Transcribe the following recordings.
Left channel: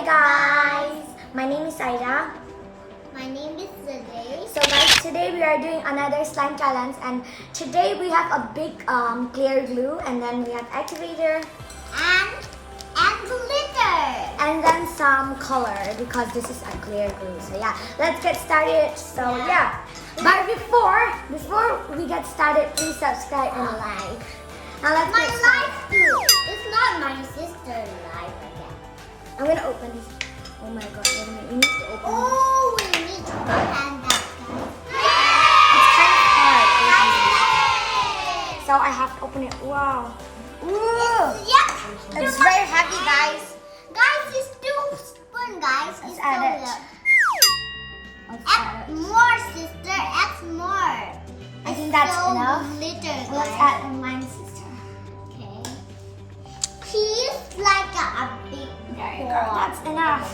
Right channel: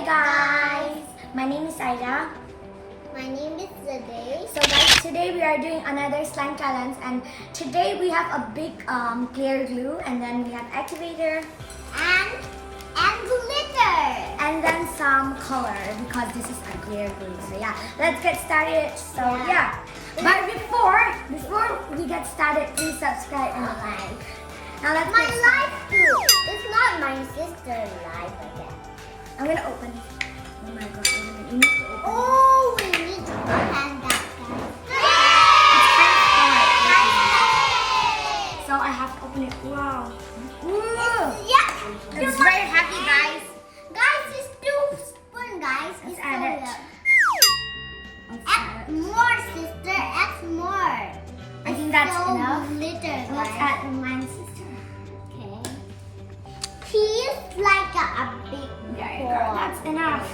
Hi guys! My name is Aida. My name is Zade. So guys, today we are doing another slime challenge, and today we have a big clear glue, and then we have activator And glitter. and then some color because this is a clear glue. So yeah, let's get started. So yeah, but before we get started, please subscribe and like. Now let's My get started. life too. It's not my sister's life again. I'm gonna open this. Oh my god, wait a minute. You need to open it. Oh, we need to open that, guys. It's kind of hard. So I have to open it. Wow. Ooh. Yeah. It's very heavy, guys. Guys, it's two spoon, guys. Let's It's add so it. good. Let's Add add it. more, sister. Add more. I think that's so enough. Glitter, guys. Let's add the mine sister. Okay. He's like a big There you go. boy. That's enough.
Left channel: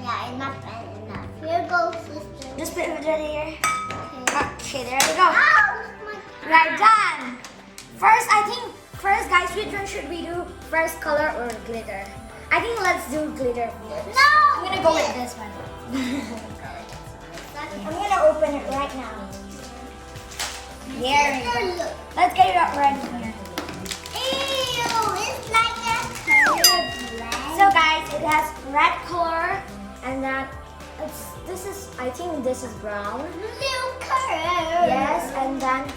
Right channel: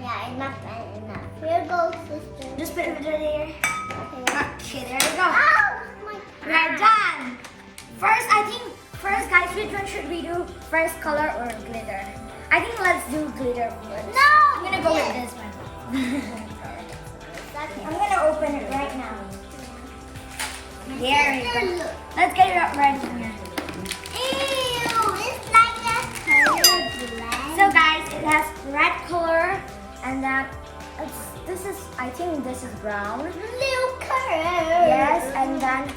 Yeah, enough and enough. Here goes, sister. Just put it there. Okay. Okay, there you go. Ow! My We are done. First, guys, which one should we do? First, color or glitter? I think let's do glitter first. No! I'm gonna go with this one. I'm gonna open it right now. There we go. Look. Let's get it up right here. Ew, it's like a color blend. So guys, it has red color, and then I think this is brown. Blue color. Yes, and then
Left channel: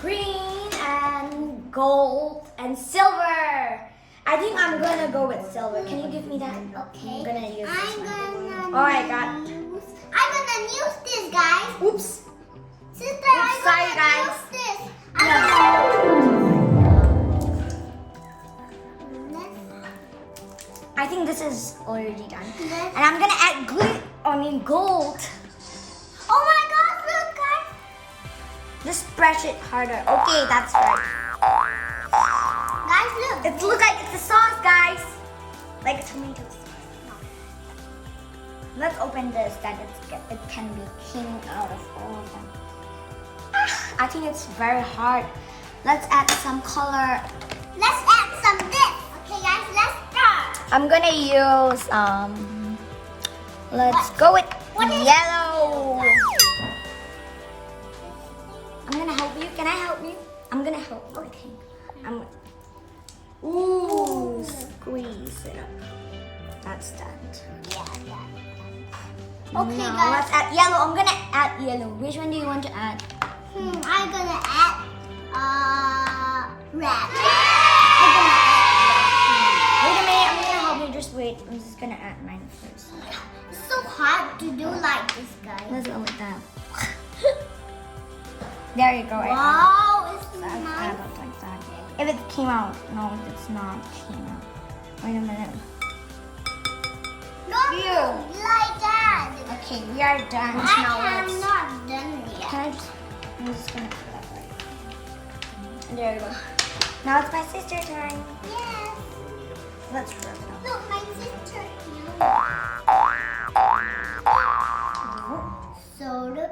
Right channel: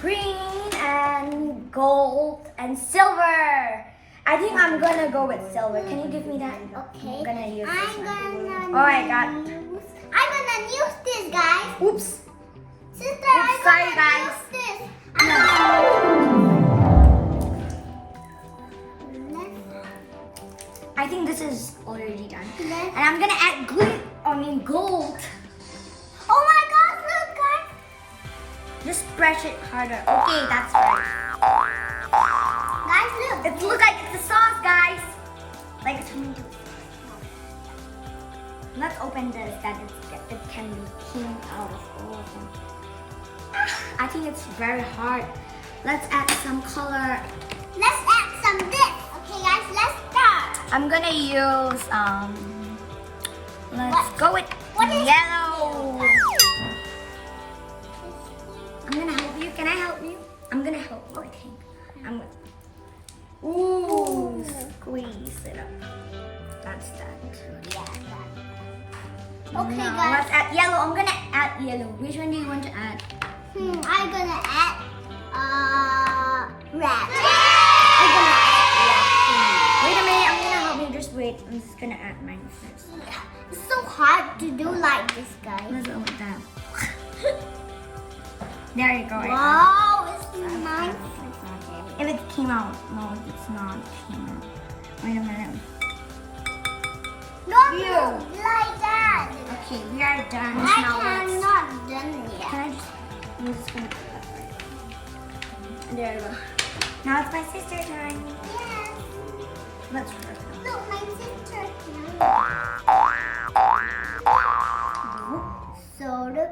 green and gold and silver. I think I'm gonna go with silver. Can you give me that? Okay. I'm gonna use this one. I'm Oh my God. gonna use this, guys. Oops. Sister, I'm sorry, gonna guys. use this. I think this is already done. Let's- And I'm gonna add gold. Oh my God! Look, guys. Just brush it harder. Okay, that's right. Guys, look. It looks like it's a sauce, guys. Like a tomato sauce. Let's open this, then it can be cleaned out of all of them. I think it's very hard. Let's add some color. Let's add some this. Okay, guys, let's start. I'm gonna use let's go with What is- yellow. I'm gonna help you. Can I help you? I'm gonna help. Okay. Ooh, squeeze it up. That's done. Yeah, okay, Now guys. let's add yellow. I'm gonna add yellow. Which one do you want to add? I'm gonna add red. I'm gonna add red. Wait a minute. I'm gonna help you. Just wait. I'm just gonna add mine first. It's so hard to do like this, guys. Let's go with that. There you go. Wow, it's nice. If it came out, no, if it's not came out. Wait a minute. Don't do like that. Okay, we are done. I Now let's- cannot done yet. Can I just? I'm just gonna put that right there. There you go. Now it's my sister's turn. Yes. Let's rub it. Look, my sister. So look.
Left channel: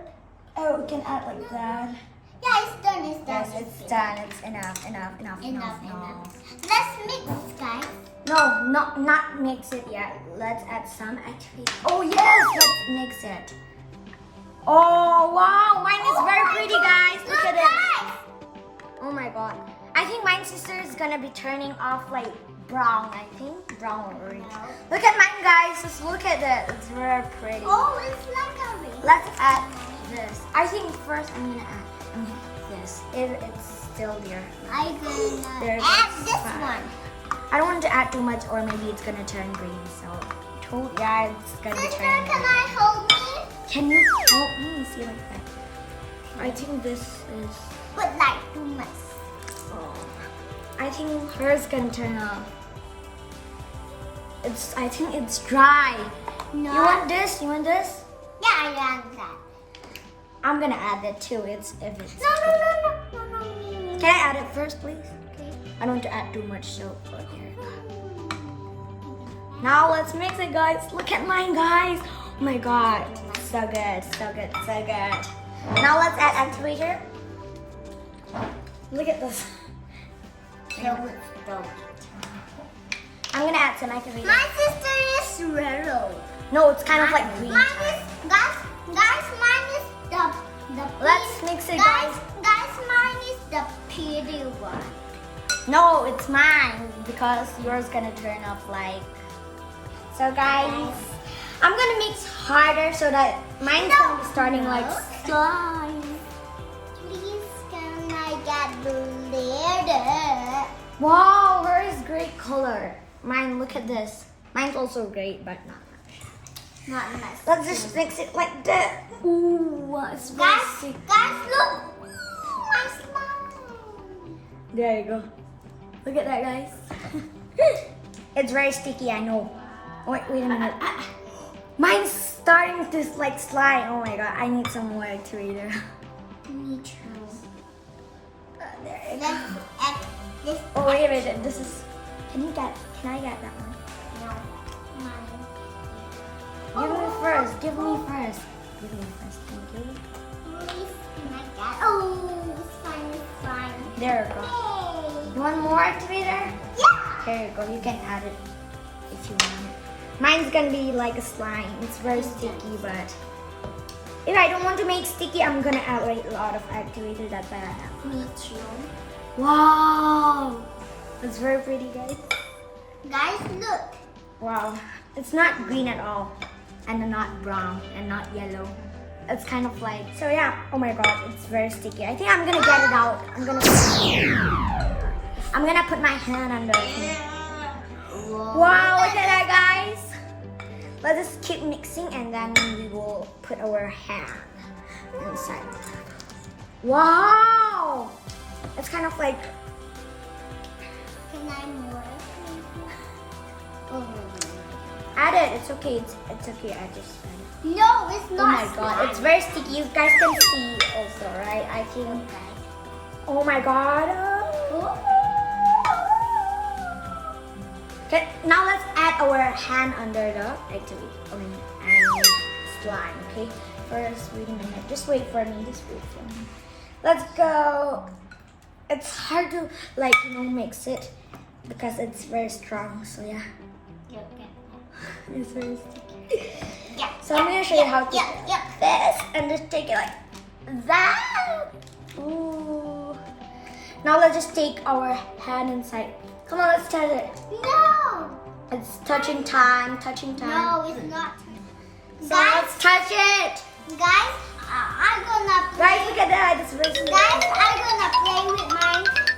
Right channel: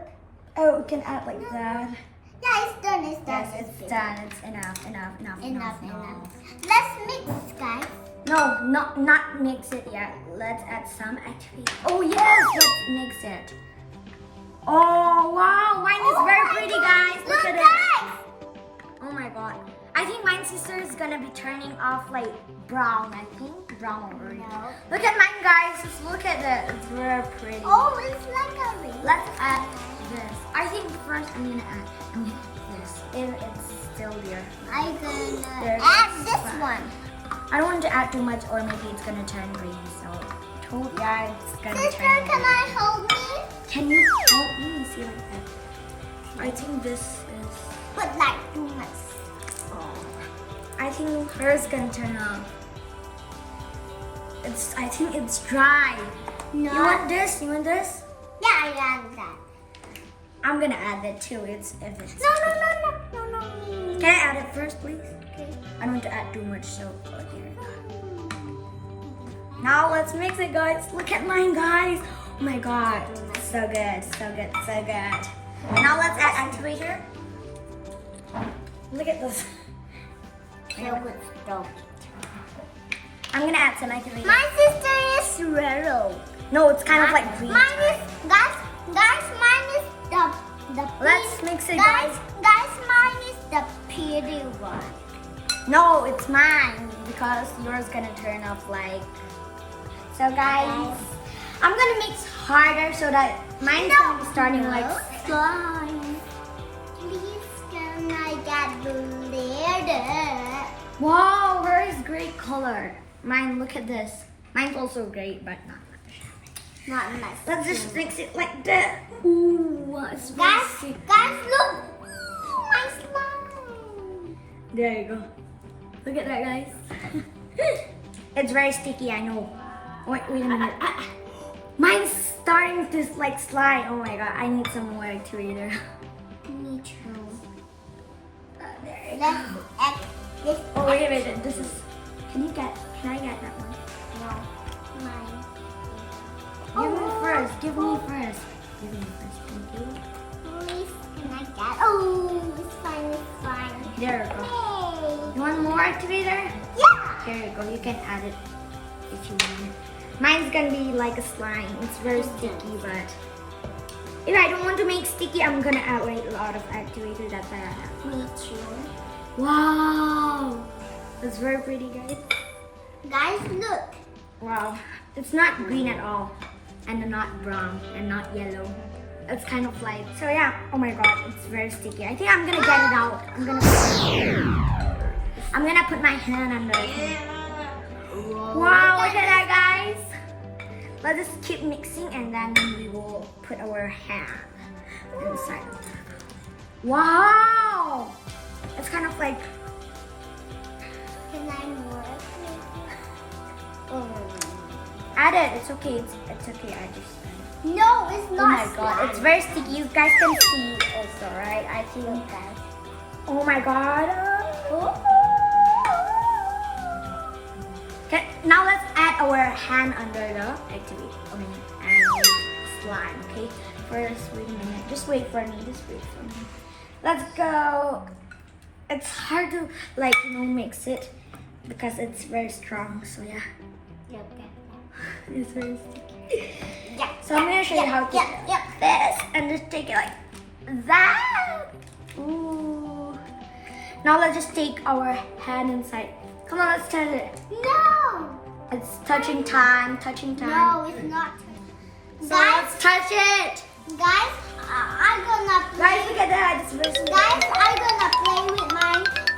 Oh, we can add like that. Yeah, it's done. It's done. Yes, it's done. It's enough. Enough. Let's mix, guys. No, not mix it yet. Let's add some activator. Oh yes, let's mix it. Oh wow, mine is very pretty, guys. Look at it. guys. Oh my god. I think my sister is gonna be turning off like brown, I think. Brown or orange. No. Look at mine, guys. Just look at it. It's very pretty. Oh, it's like a ring. Let's add this. I think first I'm gonna add this. If it's still here. I'm There gonna it add is. this one. I don't want to add too much or maybe it's gonna turn green. So yeah, it's gonna Sister, turn can green. I hold me? Can you help me see like that? I think this is But like too much. I think hers can turn off. I think it's dry. No. You want this? You want this? Yeah, I want that. I'm gonna add that too. If it's No. Can I add it first, please? Okay. I don't want to add too much soap. Okay. Now let's mix it, guys. Look at mine, guys. Oh my god. So good. Now let's add activator. Look at this. So it's done. I'm gonna add some activator. My sister is yellow. No, it's kind of like green. Mine is guys, mine is the Let's mix it, guys. Guys, mine is the pretty one. No, it's mine because yours gonna turn off like. So guys, I'm gonna mix harder so that mine's gonna be starting like. Slime. Please can I get glitter? Wow, hers is great color. Mine, look at this. Mine's also great, but not much. Not much. Let's just mix it like that. Ooh, it's very Guys, sick. look. My slime. There you go. Look at that, guys. It's very sticky, I know. Wait a minute. Mine's starting to like slide. Oh my god, I need some more activator. Me too. There you Let's go. add this. Oh wait a minute, this is. Can I get that one? No. Mine. Give me first. Give me first. Give me first. Thank you. Please can I get? Oh, it's fine. It's fine. There we go. Hey. You want more activator? Yeah. There you go. You can add it if you want. Mine's gonna be like a slime. It's very sticky, but if I don't want to make sticky, I'm gonna add like a lot of activator. That's what I have. Me too. Wow, it's very pretty, guys. Guys, look. Wow, it's not green at all, and not brown, and not yellow. It's kind of like so. Yeah. Oh my god, it's very sticky. I think I'm gonna get it out. I'm gonna put my hand under it. Wow, look at that, guys. Let's just keep mixing and then we will put our hand inside. Wow! It's kind of like. Can I more? Add it. It's okay. It's okay. I just. No, it's not. Oh my god! It's very sticky. You guys can see also, right? I think. Guys. Oh my god! Okay, now let's add our hand under the activator and slime. Okay. First, wait a minute. Just wait for me. Just wait for me. Let's go. It's hard to like mix it because it's very strong. So yeah, it's very sticky. Yeah. So I'm gonna show you how to do Yeah. this and just take it like that. Ooh. Now let's just take our hand inside. Come on, let's touch it. No. It's touching time. Touching time. No, it's not. So Guys, let's touch it. guys, I'm gonna play. Guys, look at that. It's very Guys, I'm gonna play with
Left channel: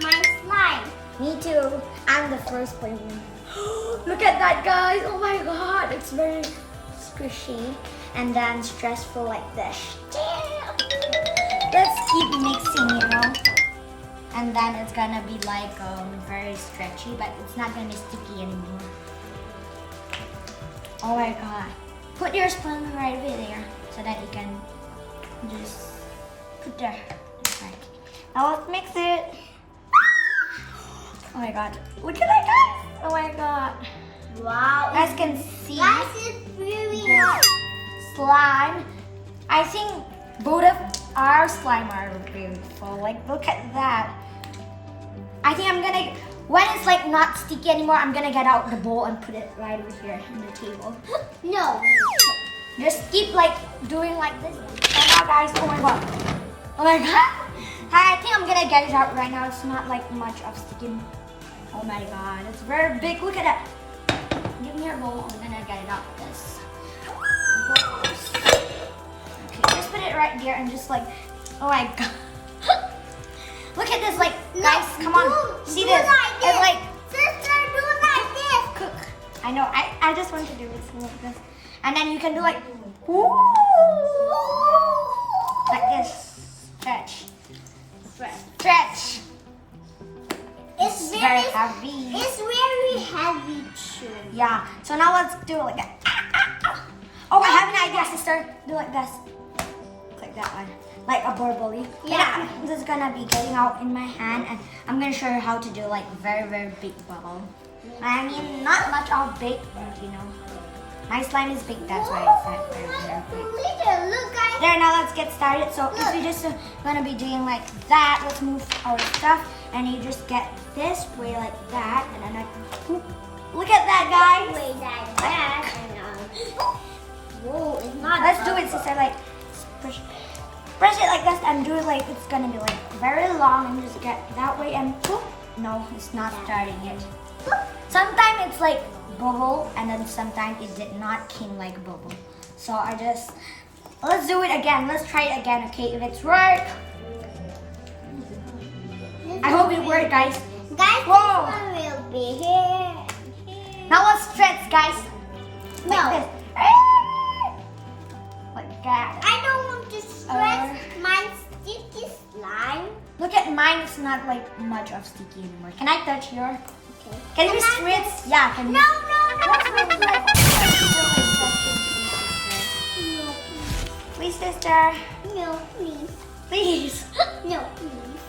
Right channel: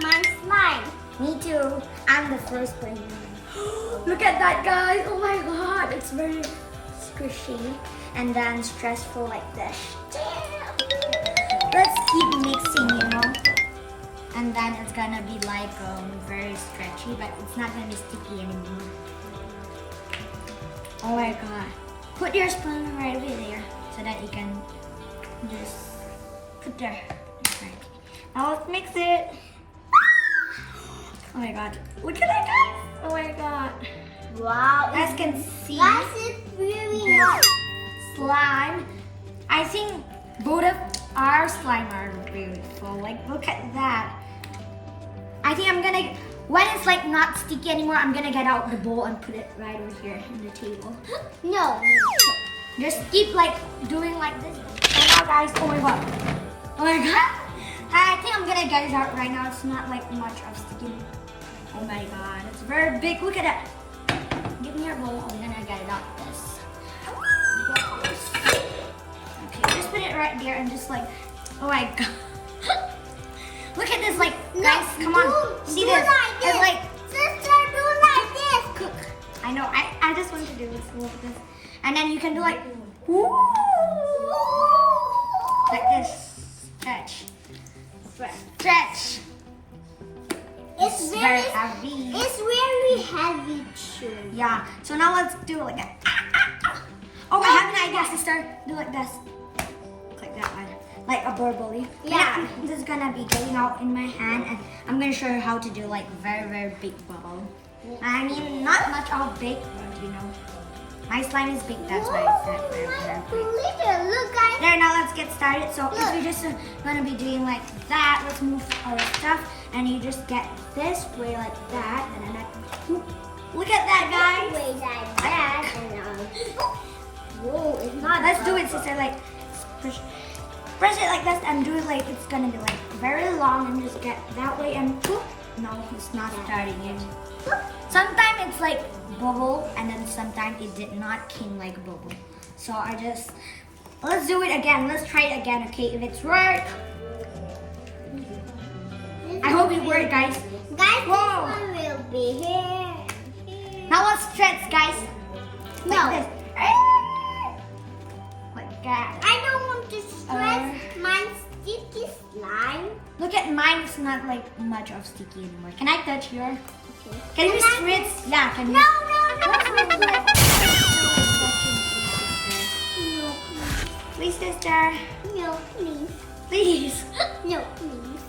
my slime. Me too. I'm the first player. Look at that, guys. Oh my god. It's very squishy and then stressful like this. Damn. Let's keep mixing, And then it's gonna be like very stretchy, but it's not gonna be sticky anymore. Oh my god. Put your slime right over there so that you can just put there. Right. Now let's mix it. Oh my god. Look at that, guys. Oh my god. Wow. You guys can see Guys, it's really the hot. slime. I think both of our slime are beautiful. Like, look at that. I think I'm gonna, when it's like not sticky anymore, I'm gonna get out the bowl and put it right over here on the table. No. Just keep like doing like this. Right now, guys. Oh my god. Oh my god. I think I'm gonna get it out right now. It's not like much of sticking. Oh my god. It's very big. Look at that. Give me your bowl. I'm gonna get it out with this. Okay, just put it right there and just like, oh my god. Look at this, like, guys, come on. See do this? like this. It's like, Sister, do like this. cook. I know. I just want to do this like this, and then you can do like, woo, like this. Stretch. Stretch. It's very very heavy. It's very heavy too. Yeah. So now let's do it like that. Oh, I have an idea, sister. Do like this. Like that one. Like a burbly. Yeah. This is gonna be getting out in my hand, and I'm gonna show you how to do like very, very big bubble. I mean, not much of big, but my slime is big. That's why it's not very, very big. Glitter. Look, guys. There, now let's get started. So if you're just gonna be doing like that, let's move our stuff, and you just get this way like that, and then Look at that, guys. Way like that and whoa, it's not. Let's do it, sister. Like, press it like this and do it like it's gonna be like very long and just get that way and whoop. No, it's not starting it. Sometimes it's like bubble and then sometimes it did not came like bubble. So let's do it again. Let's try it again, okay? If it's right. I hope it worked, guys. Guys, Whoa. this one will be here. Now let's stretch, guys. No. Like this. Like that. I don't want to stretch my sticky slime. Look at mine, it's not like much of sticky anymore. Can I touch yours? Okay. Can you I stretch? Yeah, can you? No. Please, sister. No, please. Please. No, please.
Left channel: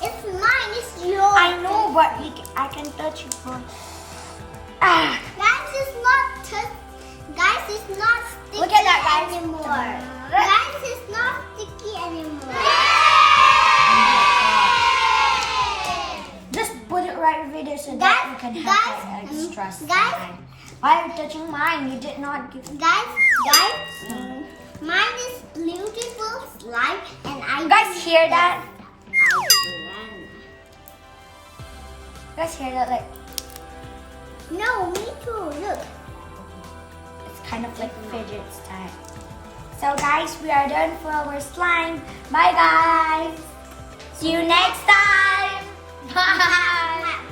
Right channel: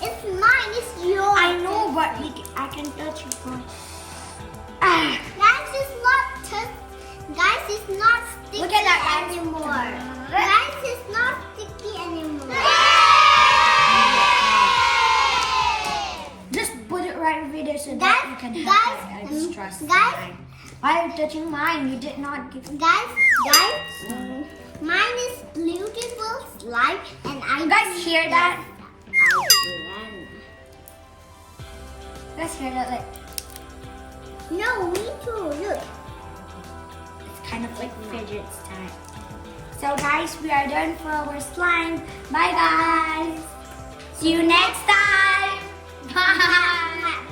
It's mine, it's yours. I know, but I can touch you for. Ah. Guys, it's not sticky Look at that, guys. anymore. Guys, it's not sticky anymore. Just put it right over there so that you can have that extra slime. Why are you touching mine? You did not give. Guys, mine is beautiful slime and I. You guys hear that? I You guys hear that? Like, No, me too. Look. it's kind of like fidget time. So guys, we are done for our slime. Bye guys. See you next time. Bye.